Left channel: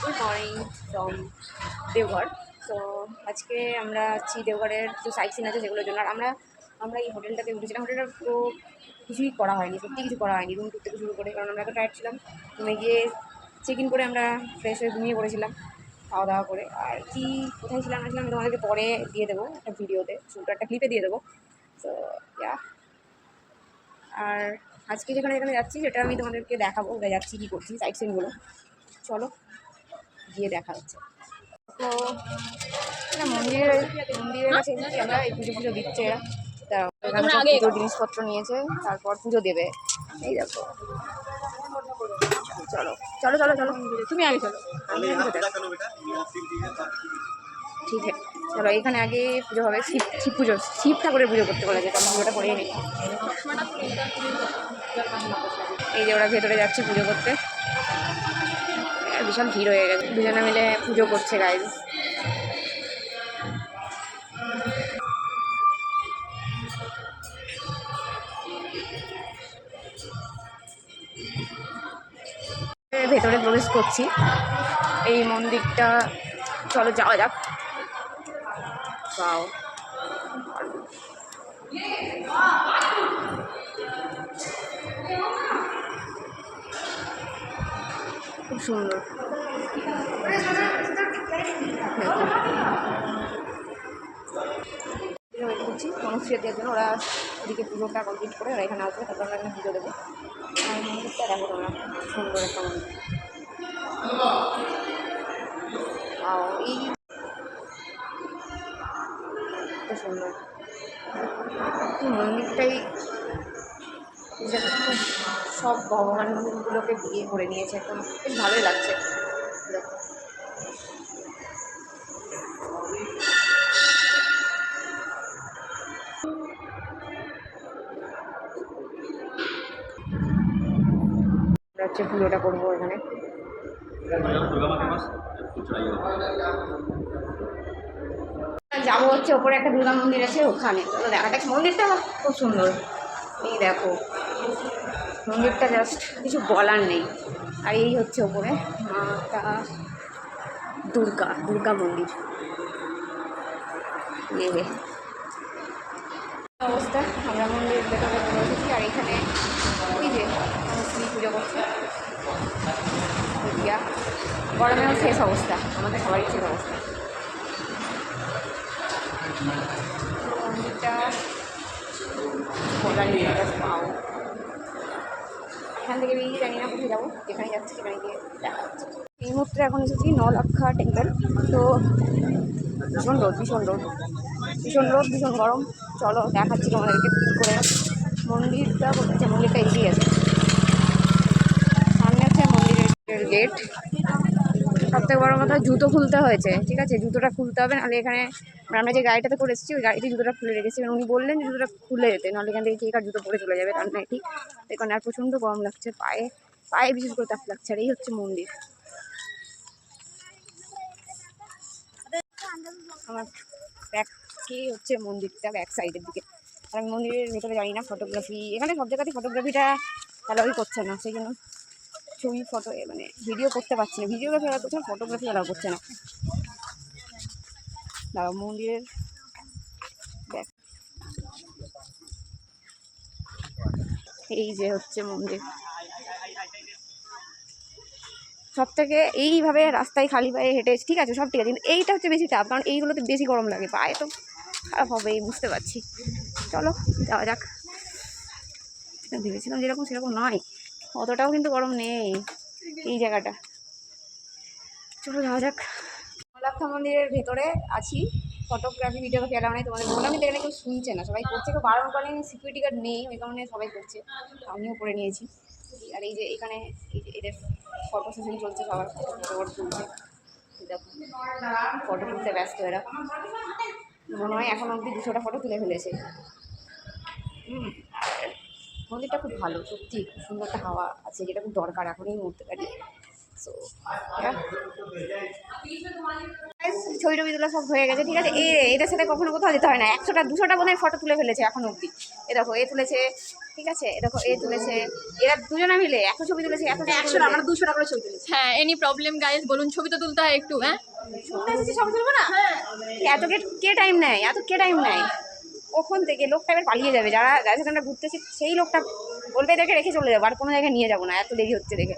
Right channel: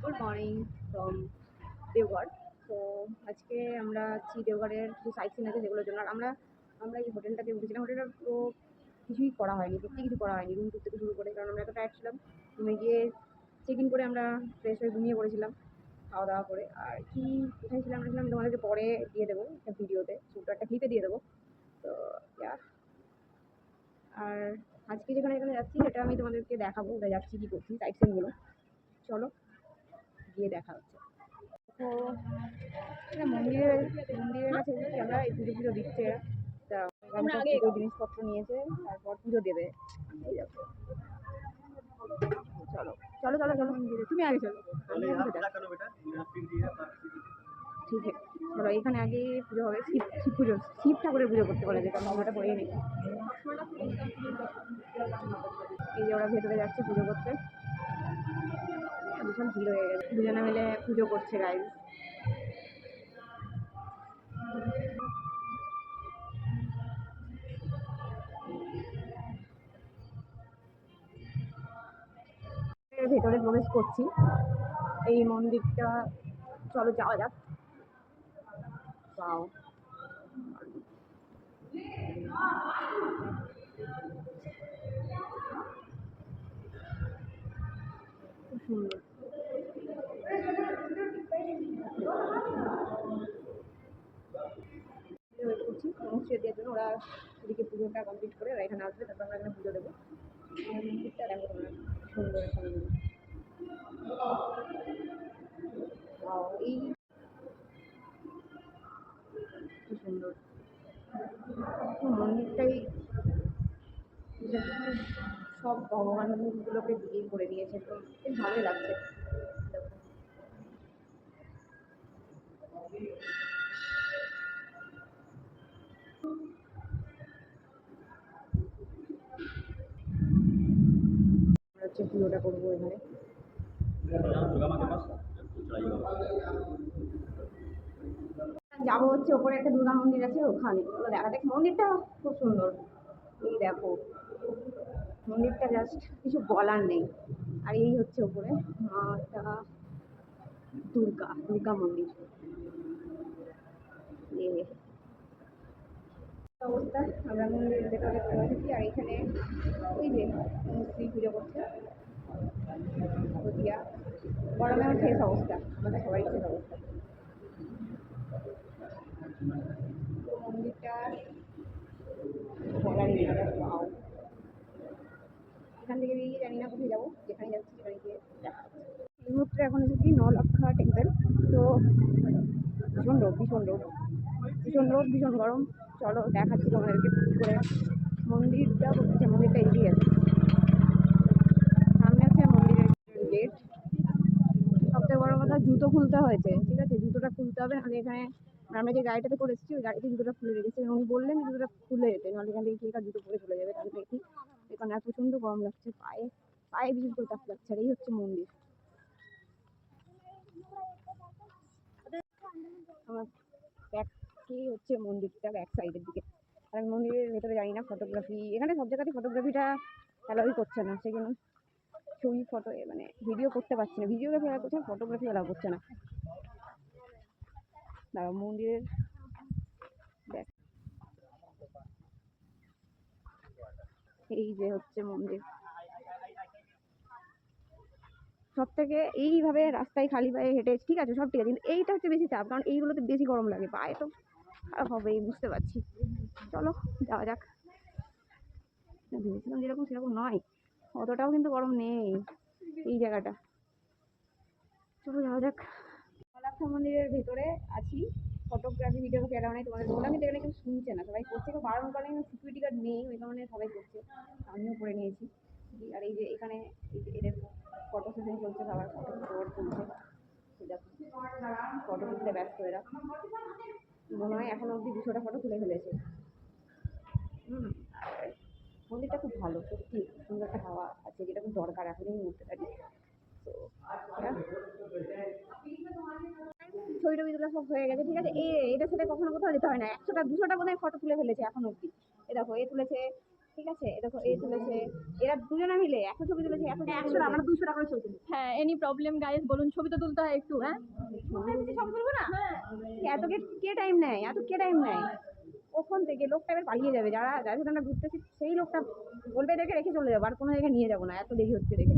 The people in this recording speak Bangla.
Good morning from Deoghar. তো আজকে আমরা আছি দেওঘরের কিছু সাইট সিন আছে যেগুলোর জন্য। আর আমরা আমরা এই হোটেলটাতে উঠেছিলাম। হোটেলটা তো কিছুই করা হয়নি, সত্যি কিছু করা হয়নি রুম টুর থেকে শুরু করে, কারণ আমরা এত টায়ার্ড ছিলাম। রুমে গিয়ে চেক ইন করে আমরা ফ্রেশ হয়ে ঘুমিয়ে পড়েছিলাম খাওয়া দাওয়া করে। আর কি কোথায় ছিলাম না ছিলাম আমি তোমাদেরকে পরে দিয়ে দেবো একটা ভিডিওতে, শুধু একটা ক্লিপে দিয়ে দেবো। তো ইয়া, আর আজকে যেখানে যেখানে যাচ্ছি সেটা আমি তোমাদেরকে দেখাবো, কোথায় যাচ্ছি কী করছি সাইট সিনগুলো। চলো গিয়ে দেখা হচ্ছে। তো এটা মন্দিরের কাছে এসেছি আমরা, এই পুজো দিচ্ছে এরা। তা এখানে সব পুজোর জিনিসপত্র নিয়েছে, তারপর পুজো দেবে। এই দেখো, চলো চলো চলো চলো, তুমি আগে চলো, ঠিক আছে চলো। এখানে আগে পুজো হবে, শিব পুজো, শিব ঠাকুরের পুজো করতে বলেছে, তো আমরা পুজোটা করেই নিই। এই যে ওরা ভেতরে যাচ্ছে পুজো করতে, বিশাল ভিড় হয়ে গেছে, দুজনে মিলে পুজো করছে গাইজ। ভেতরে প্রবেশ করছি এই মন্দিরটা, চলো যাওয়া যাক। বাও, খুব সুন্দর। ওয়েট করছি মনস্ক্রিয়া দেওয়ার জন্য, ওরা ওদিকে পুজোটা কমপ্লিট করে ওরা এখানে আসবে, তারপর আমরা এখানে পুজো দেবো। আর মন্দিরটা দেখো তোমরা, সুন্দর একটা মন্দির। এই খুব সুন্দর মন্দিরটাই, খুব সব ভগবানগুলোকে বিয়ে করে নিয়েছে, একদম বেশ ভালোই লাগছে দেখো। আমরা হচ্ছে পুজোটা করবো এখানে। যাবো হচ্ছে ওপরে একটা দুর্গা মন্দির আছে ওখানে, চলো দেখা যাক। মন্দিরটা খুব সুন্দর, এই দেখো মন্দিরটা জাস্ট কিছু বলার নেই। আর এই হচ্ছে ওপরে মাতা দুর্গা মন্দির। অবস্থা, আমরা মন্দির ভেতরে চলে এসেছি। আর এখানে ওই যে স্ত্রী পুজো করছে, গরমেও শেষ অবস্থা, আমাদের সবারই শেষ অবস্থা। মন্দিরটা পাও, এখান থেকে বেরিয়ে জানি না কোথায় যাবো, যেখানে যাচ্ছি সেখানে গিয়ে দেখা যাচ্ছে। এই মুহূর্তে এখন এসেছি নলক্ষা টেম্পল। তো ভীষণ রোদ, ভীষণ রোদ, ভীষণ রোদ, ভীষণ গরম। চলো দেখাচ্ছি তোমাদেরকে কী করে মন্দিরটা করছে। মন্দিরটা এগিয়ে আছে, সামনে আছে মন্দিরের গেট। সবথেকে বড় কথা, জুতো খুলতে হয়েছে, ঠিক আছে, জুতোটা খুলতে হবে, নাহলে এখানে আমরা যে গাড়িটাতে করে এসেছি ওই গাড়িতে জুতোটা খুলে রেখেছি। উনি বললেন যে জুতোটা খুলে যেতে, নাহলে এখান থেকে কে কার জুতো পরে চলে যাবে, তার নয় ঠিক। এখানে আর প্রচণ্ড গরম লাগছে, পায়ে পায়ে বিশেষ করে তাপ লাগছে। আর এই হচ্ছে মন্দির, আমার ব্যাককে হচ্ছে মন্দিরটা, ব্যাক সাইডের দিকে। আর আমি মন্দিরের ভেতরে জানি না, ফটোগ্রাফি এখানে সব জায়গাতেই ফটোগ্রাফিটা অ্যালাউই করছে না, সেই জন্য ছবি ফটো মানে ভিডিও করতে পারছি না। ভিডিওগ্রাফি অ্যালাউ করছে না, ফটোগ্রাফি অ্যালাউ করছে না। দাঁড়াও, মন্দিরের ব্যাক, এই যে হচ্ছে মন্দির। সব থেকে এইভাবে রাস্তায় খালি পায়ে হেঁটে, ঠিক আছে সব ঠিক আছে, কিন্তু এইটা হচ্ছে বেশি চাপ, কারণ এইগুলোতে বেশি গরম লাগে, পায়ে তো খারাপ হবেই বুঝতে পারছি। চলো যাওয়া যাক। ভেবেছিলাম যেরকম সেরকম নয়, অতটাও কিন্তু গরম নেই এই জায়গাটা। চলো যাওয়া যাক। নলাক্ষা মন্দিরের ভেতরে আছি, ফটোগ্রাফি ভিডিওগ্রাফি এলাও নেই, তোমাদের বললাম, কিন্তু এখানে কেউ শুনছে না, সবাই করছে, কেউ বারণ করেন, সিকিউরিটি গার্ড নেই ওই কারণে সবাই করছে, আমিও করে নিয়েছি। আর এই যে এখানে এই যে এদের ফটো সেশন চলছে, সবার ফটো তুলছে, দেখো ফটো তুলতে ব্যস্ত এরা। মনে হয় এখন অবধি 200টা ফটো তুলে ফেলেছে। আর মন্দিরটা খুব ভালো, সত্যি খুব সুন্দর একটা হাওয়া আছে, যেটা খুব দরকার এখন এই মুহূর্তে দাঁড়িয়ে। সো ছবি টবি তোলা সব হয়ে গেছে, ঠিক আছে। এদের সাথে কখনো কোথাও যেতে হয় না, 100টা 200টা বোধহয় ফটো তুলে ফেলেছে এখন অবধি। এ দেখো এ তুলেছে, ঠিক আছে, এ দেখো এ তুলেছে, এরা দুজনা মিলে এত ছবি তুলেছে, এত 100 আমরা 200 টাকা করে ছবি তুলেছি। হ্যাঁ, এনি প্রবলেম গাইস, বলুন ছবি তো তুলতে হয় একটু। হ্যাঁ, ছবি তুলবো না? এত কে টাইম নেয়, এত কে টাইম নেয়? কখন থেকে লোকটা এবার পালিয়ে যাবে, যার সাথে আমরা ঘুরতেছি সেই লোকটা বলবে এদেরকে রেখে চলে যাবো, আর কোনো জায়গায় নিয়ে যাবো না, এত দেরি হচ্ছে দেখে।